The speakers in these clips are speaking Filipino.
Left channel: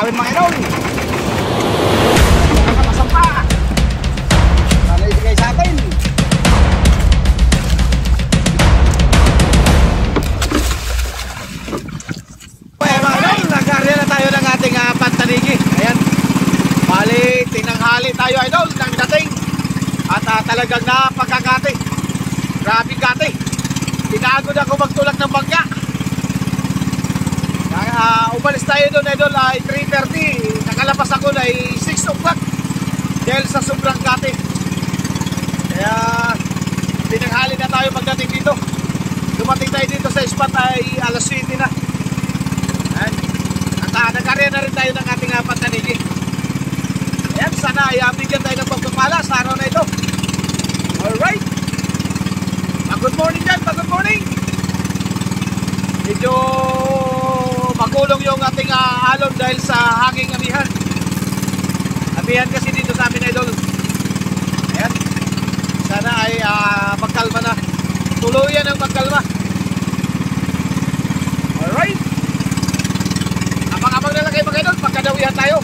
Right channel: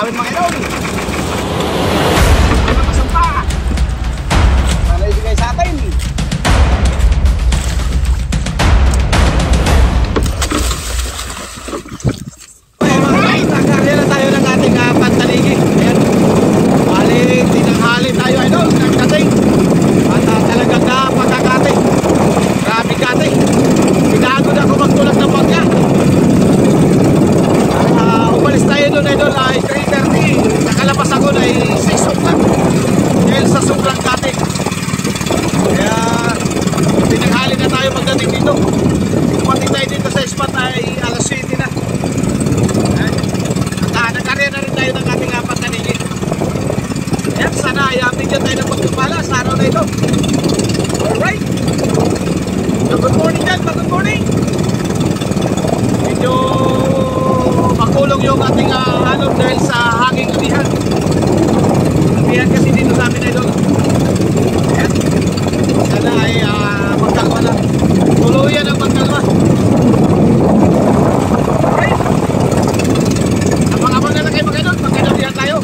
namin mga idol. Sana masampa. Sana ibigay sa atin. Okay mga idol, nagkarya na tayo ng ating pantanigi. Ayan. Bali, tinanghali tayo idol ng dating. At talagang napagkakati. Grabe kati. Pinagod ako magtulak ng bangka. Umalis tayo doon idol ay 3:30. Nakalabas ako na ay 6 o'clock. Dahil sa sobrang kati. Kaya tinanghali na tayo pagdating dito. Dumating tayo dito sa spot ay alas 7 na. At nagkarya na rin tayo ng ating pantanigi. Ayan, sana ay bigyan tayo ng pagpapala sa araw na ito. Alright. Good morning dyan, good morning. Medyo makulong yung ating alon dahil sa hanging amihan. Amihan kasi dito sa amin idol. Ayan. Sana ay magkalma na. Tuluyan ang magkalma. Alright. Abang-abang na lang kayo mga idol. Pagkadawihan tayo.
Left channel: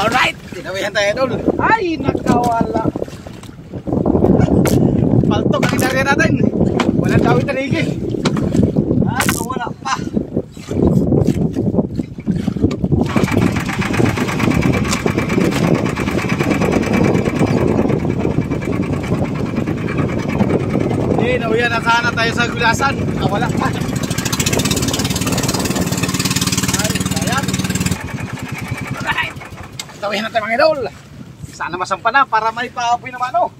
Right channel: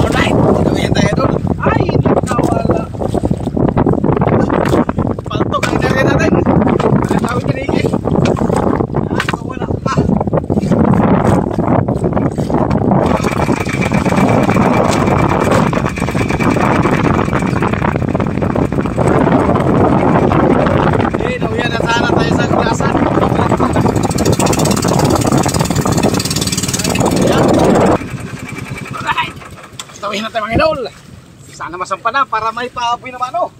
Alright. Dinawihan tayo idol. Ay, nakawala. Paltok ang inarya natin. Wala tao tanigi. At wala pa. Nauyan na sana tayo sa glasan. Wala pa. Ayan. Alright. Tawin na tayo mga idol. Sana masampa na para may paapoy naman o.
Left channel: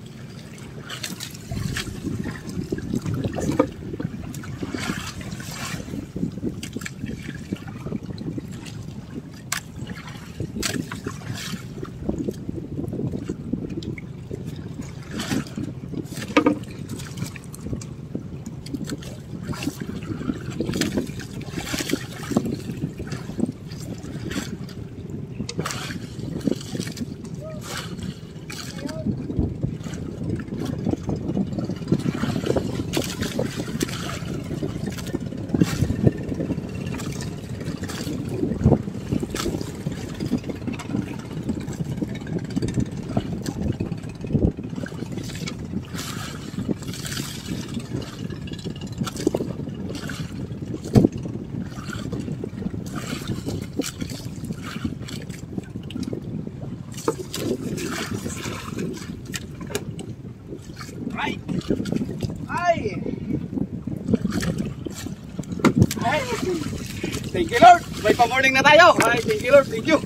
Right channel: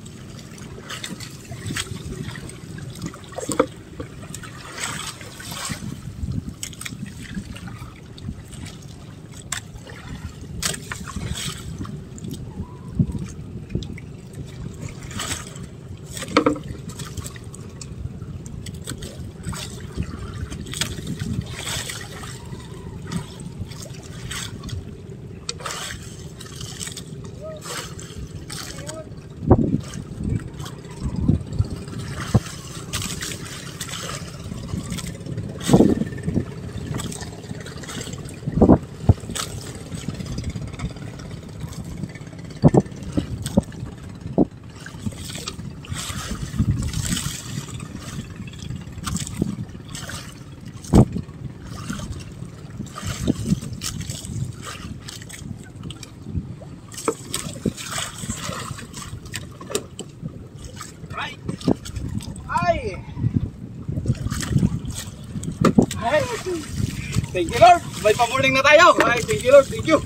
Thank you Lord. May pa-morning na tayo. Ay, thank you Lord. Thank you.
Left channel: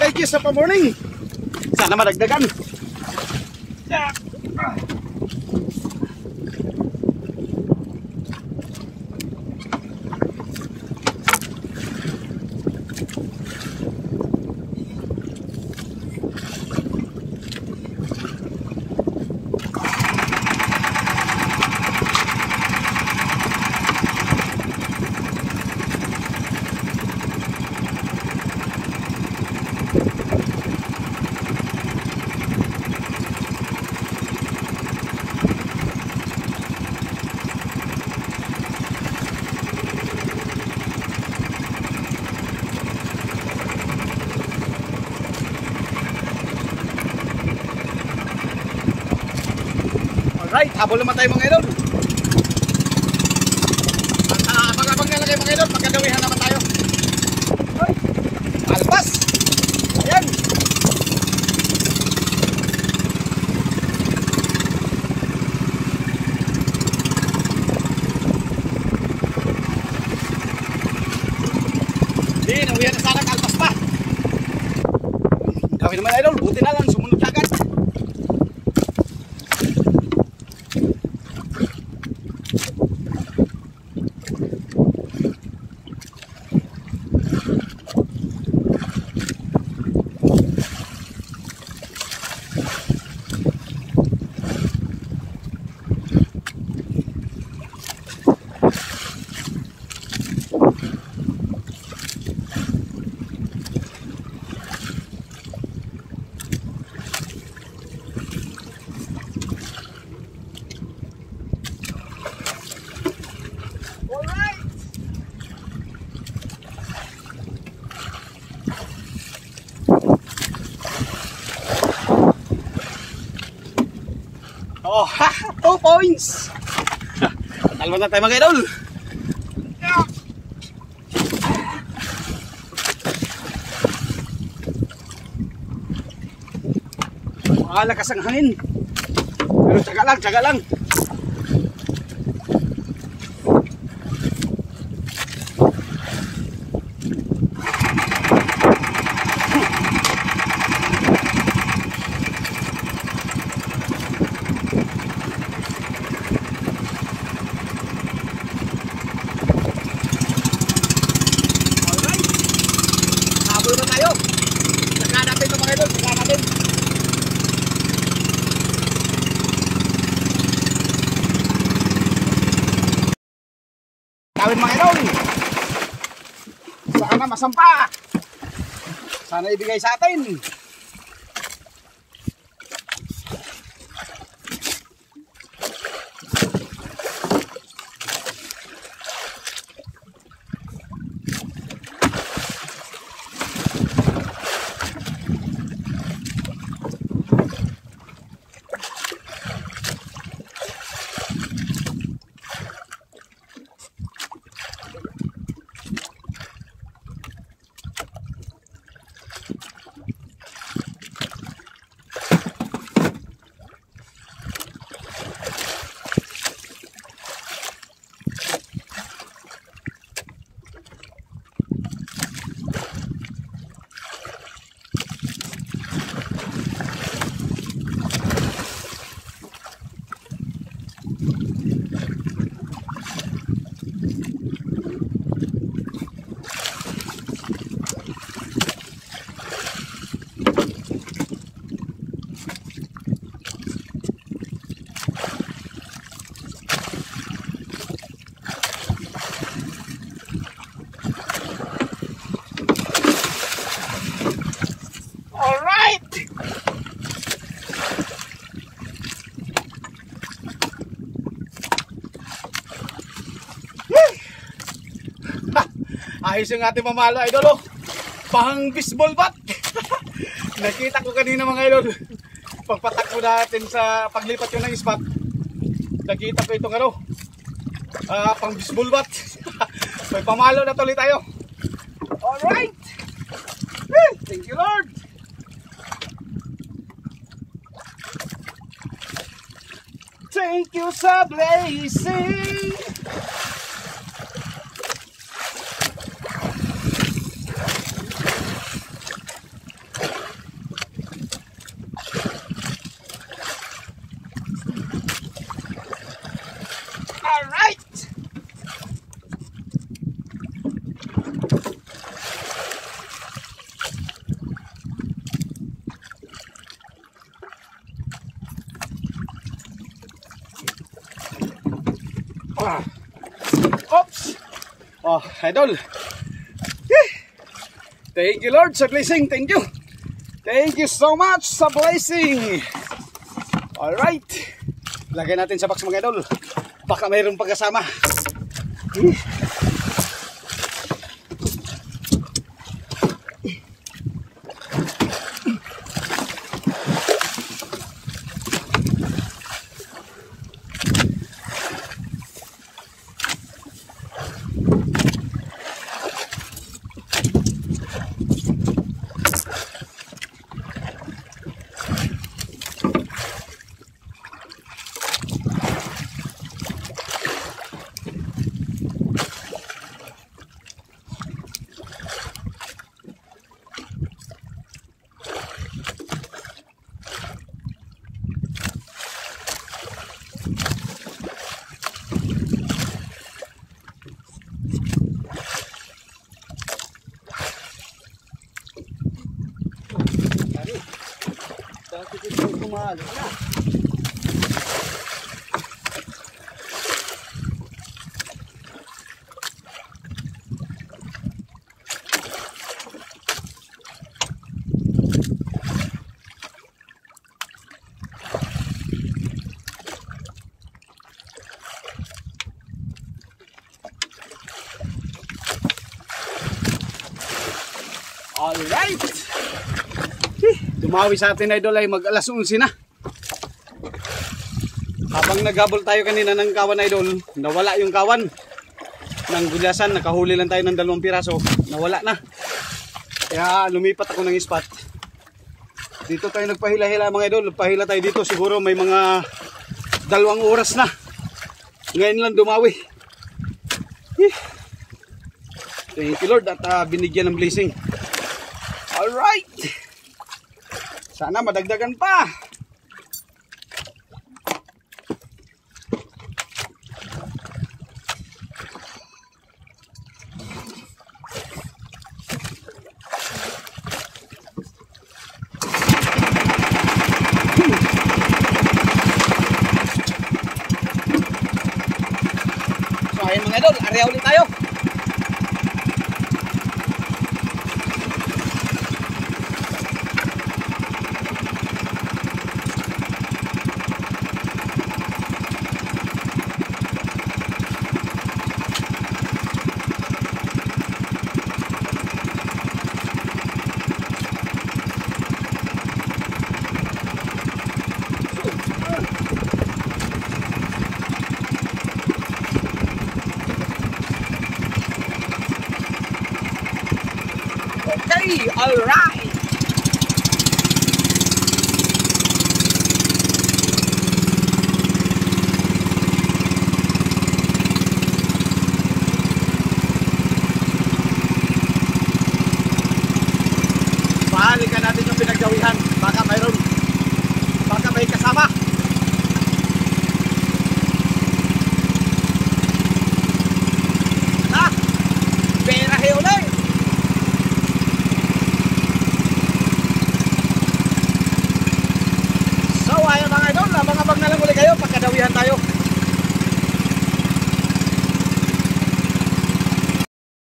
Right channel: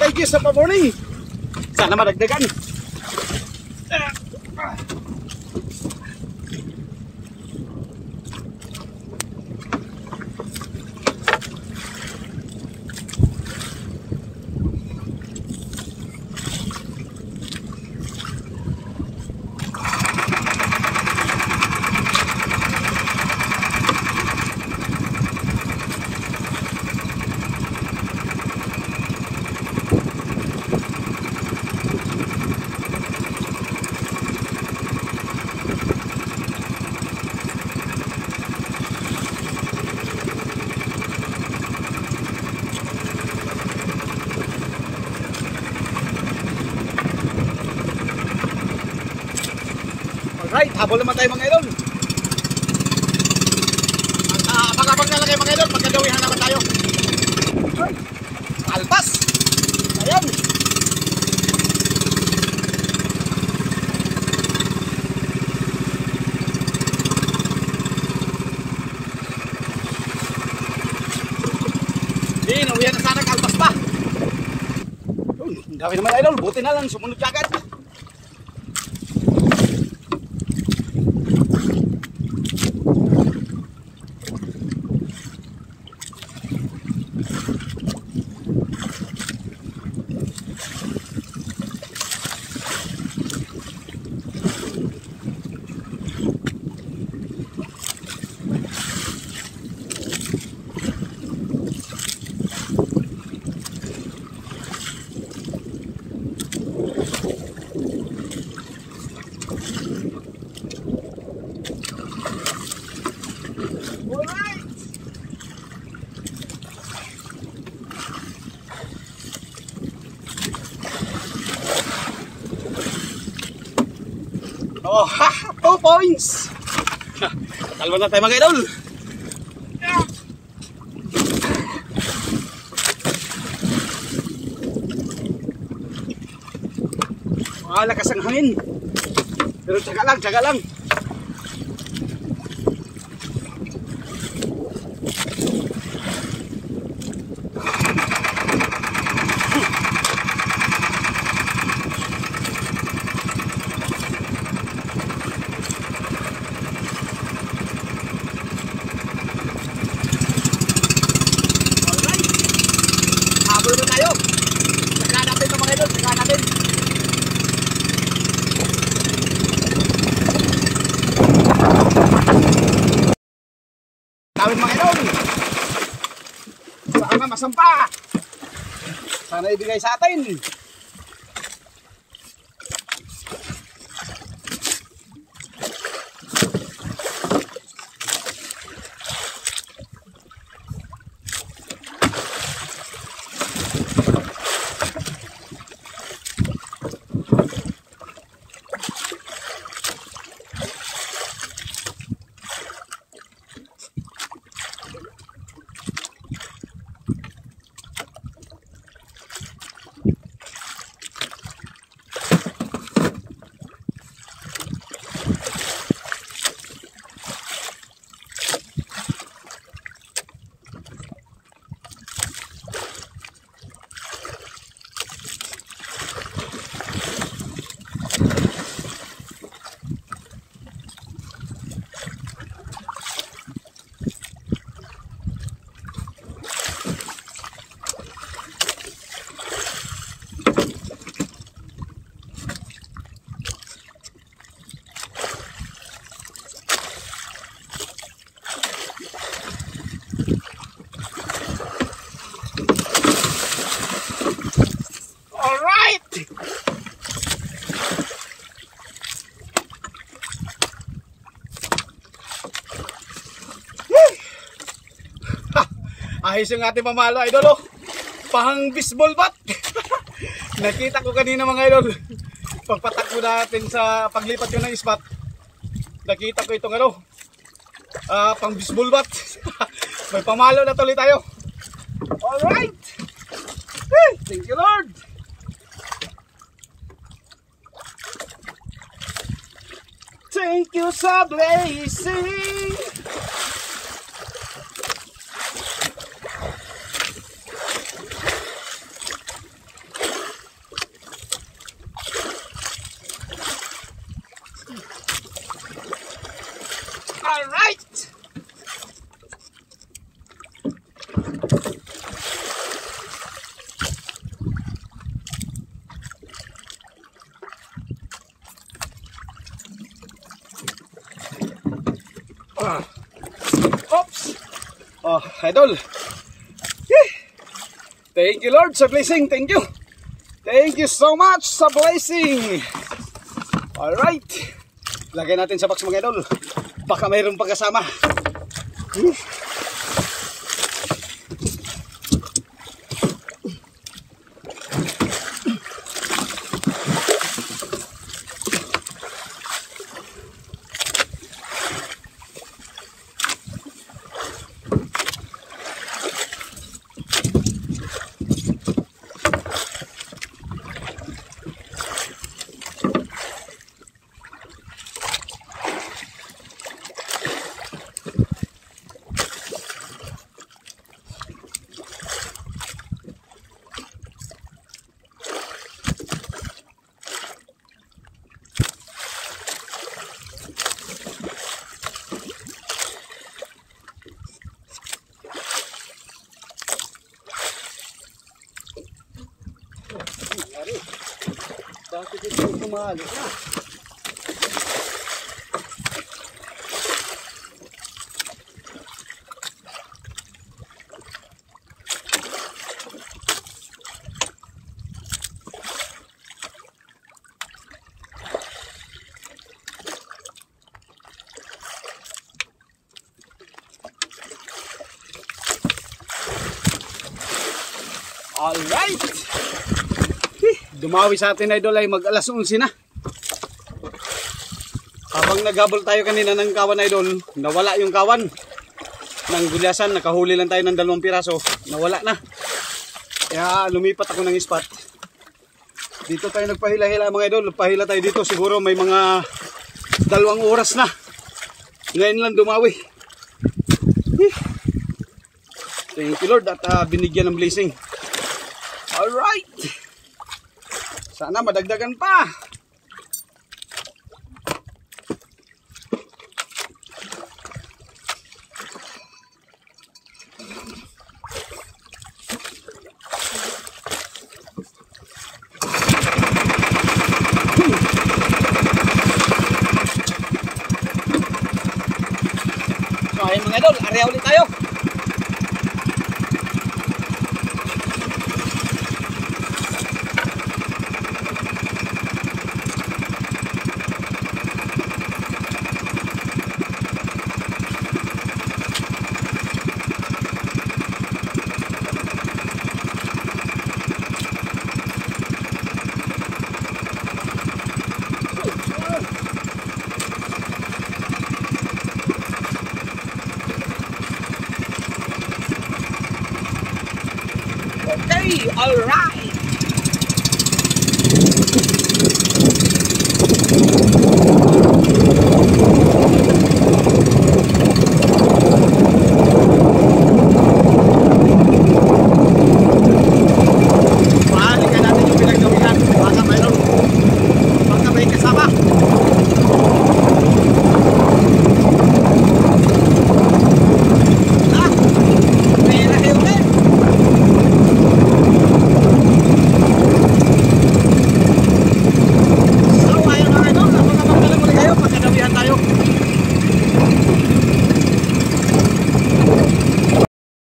Thank you sa pa-morning. Sana madagdagan. Alright, habol naman tayo mga idol. Abang-abang na lang kayo mga idol, pagkadawihan naman tayo. Alpas! Ayan! Di, nawihan na sana kalpas pa. Ang dami naman idol, buti na lang, sumunod ka agad. Oh, 2 points. Talman na tayo mga idol. Malakas ang hangin. Pero tsaga lang. Habol na tayo. Saka natin ito mga idol, saka natin. Tawin mga idol. Sana masampa. Sana ibigay sa atin. Ayos yung ating mamalo idol, oh. Pang baseball bat. Nakita ko kanina mga idol, pagpatakbo natin sa paglipat yun ng spot, nakita ko itong ano, pang baseball bat. May pamalo na tuloy tayo. Alright, thank you Lord. Thank you sa blessing. Alright! Oops! Oh, idol! Thank you Lord sa blessing, thank you! Thank you so much sa blessing! Alright! Lagay natin sa box mga idol. Baka mayroong pagkasama. Bakit ito kumalo na? Alright! Dumawi sa atin idol ay mag alas 11 na. Habang naghabol tayo kanina ng kawan idol, nawala yung kawan ng gulyasan. Nakahuli lang tayo ng 2 piraso, nawala na. Kaya lumipat ako ng spot. Dito tayo nagpahila-hila mga idol. Nagpahila tayo dito, siguro may mga 2 oras na. Ngayon lang dumawi. Thank you Lord at binigyan ng blessing. Alright, sana madagdagan pa. So ayun mga idol, area ulit tayo. Okay, alright. Pahalikan natin yung pinaggawihan. Baka may kasama. Pera kayo ulit. Pagkadawihan tayo.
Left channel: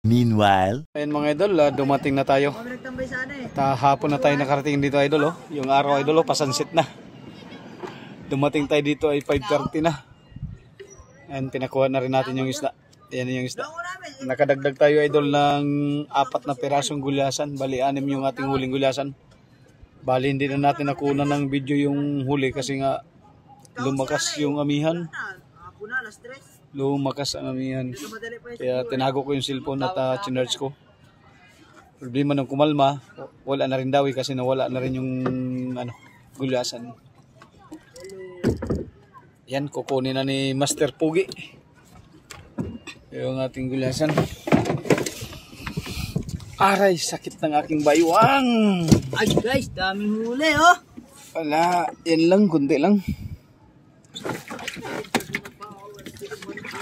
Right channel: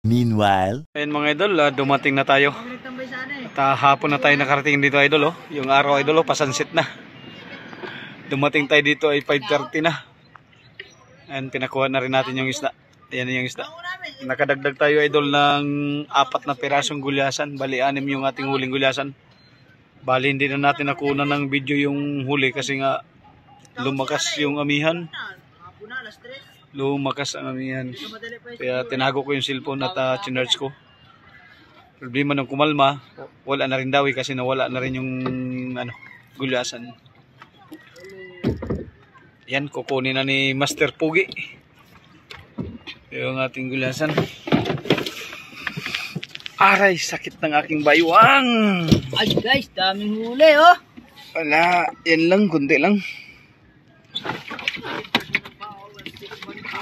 Meanwhile, ayun mga idol, dumating na tayo. At hapon na tayo nakarating dito idol. Yung araw idol, pasansit na. Dumating tayo dito ay 5:30 na. And pinakuha na rin natin yung isda. Ayan yung isda. Nakadagdag tayo idol ng 4 na pirasong gulyasan. Bali 6 yung ating huling gulyasan. Bali hindi na natin nakuha ng video yung huli kasi nga lumakas yung amihan. Lumakas ang amihan. Kaya tinago ko yung cellphone at chinarge ko. Problema nung kumalma, wala na rin daw kasi nawala na rin yung gulyasan. Yan, kukunin na ni Master Pugi yung ating gulyasan. Aray, sakit ng aking baywang. Ay guys, daming huli oh. Wala, yan lang, kunti lang.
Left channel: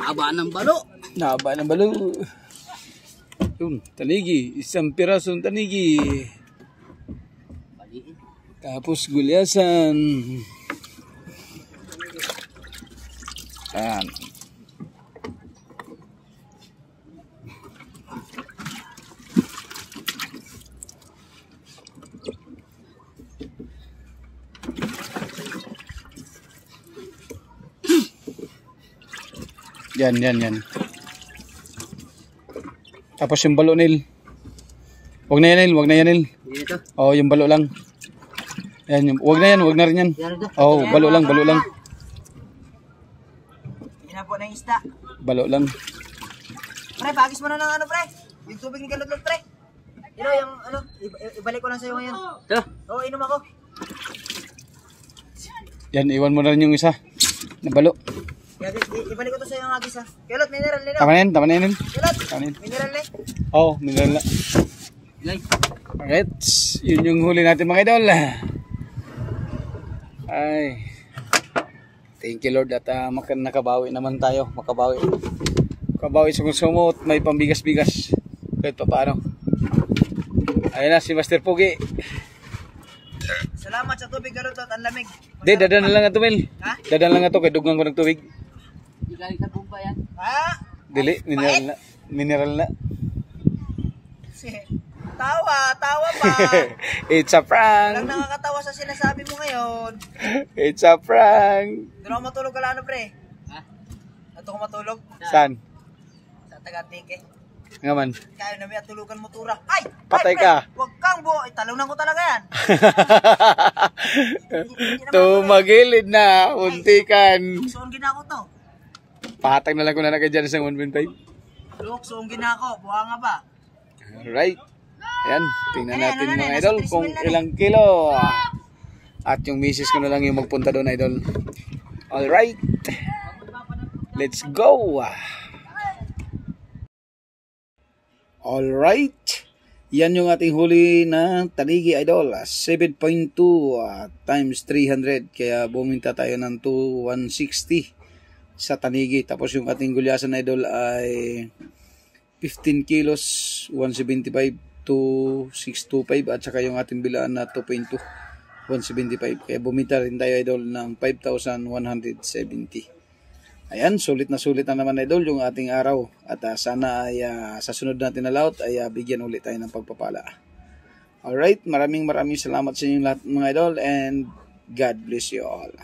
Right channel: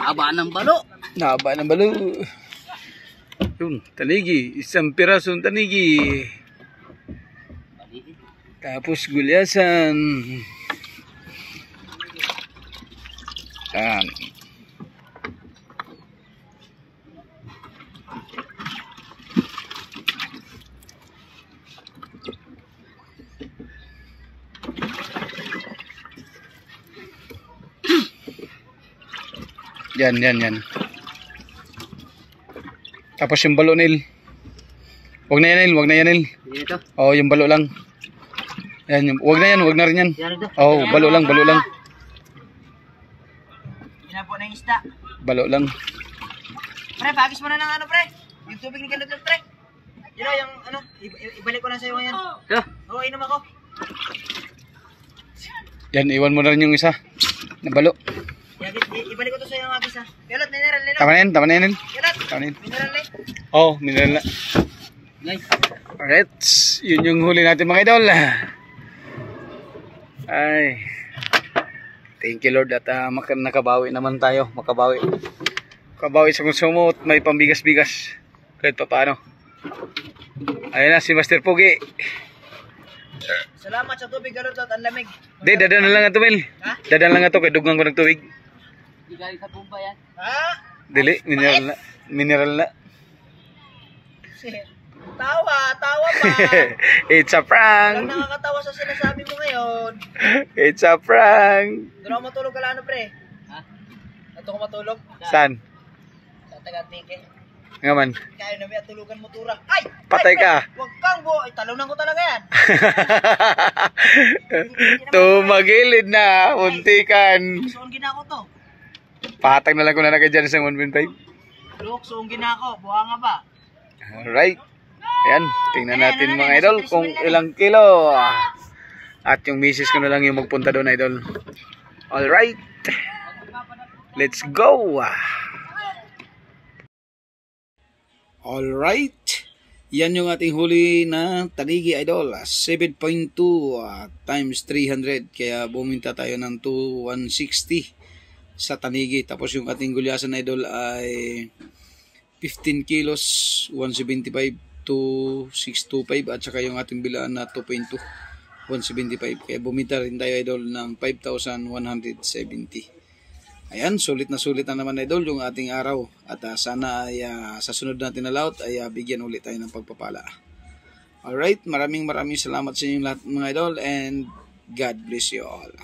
Haba ng balo. Naba ng balo. Yun, tanigi. 1 pirasong tanigi. Tapos gulyasan. Yan. Yan. Tapos yung balo nil. Wag na yan nil. Dito. Oh, yung balo lang. Yan, wag na rin yan. Oh, balo lang. Ginapo na yung isda. Balo lang. Pre, pagis mo na ng pre. Yung tubig ni Kalot pre. Yung ibalik ko lang sa'yo ngayon. Oo, inom ako. Yan, iwan mo na rin yung isa. Na balo. Ibalik ko to sa'yo ng agis ha. Kalot, mineral nila. Tama na yan. Kalot, mineral nila. Oh, mineral na. Alright, yun yung huli natin mga idol. Ay, thank you Lord at nakabawi naman tayo. Makabawi sa konsumo at may pambigas-bigas kahit pa paano. Ayun na si Master Pugi. Salamat sa tubig Kalot at ang lamig. Dadan na lang ito Mel. Dadan lang ito kaya dugang ko ng tubig. Di galing sa bumba yan. Ha? Dili, mineral na. Tawa pa. It's a prank. Walang nakakatawa sa sinasabi mo ngayon. It's a prank. Doon ako matulog ka lang pre. Ha? Ito ko matulog? Saan? Sa Tagantike. Nga man. Kaya na may tulugan mo tura. Ay! Patay ay, ka. Huwag kang buo. Talunan ko talaga yan. Tumagilid na. Untikan. Suon gina ko to. Patag na lang ko na kay dyan sa 1.5. Look, suon gina ko. Buha nga ba? Alright. Ayan. Tingnan natin mga idol kung ilang kilo. At yung misis ko na lang yung magpunta doon, idol. Alright. Let's go. Alright. Yan yung ating huli na tanigi, idol. 7.2 times 300. Kaya buminta tayo ng 160 sa tanigi. Tapos yung ating gulyasan, idol, ay 15 kilos, 175 to 625. At saka yung ating bilaan na 2.2, 175. Kaya bumita rin tayo, idol, ng 5,170. Ayan, sulit na naman, idol, yung ating araw. At sana ay sa sunod natin na laot ay bigyan ulit tayo ng pagpapala. Alright, maraming salamat sa inyong lahat, mga idol, and God bless you all.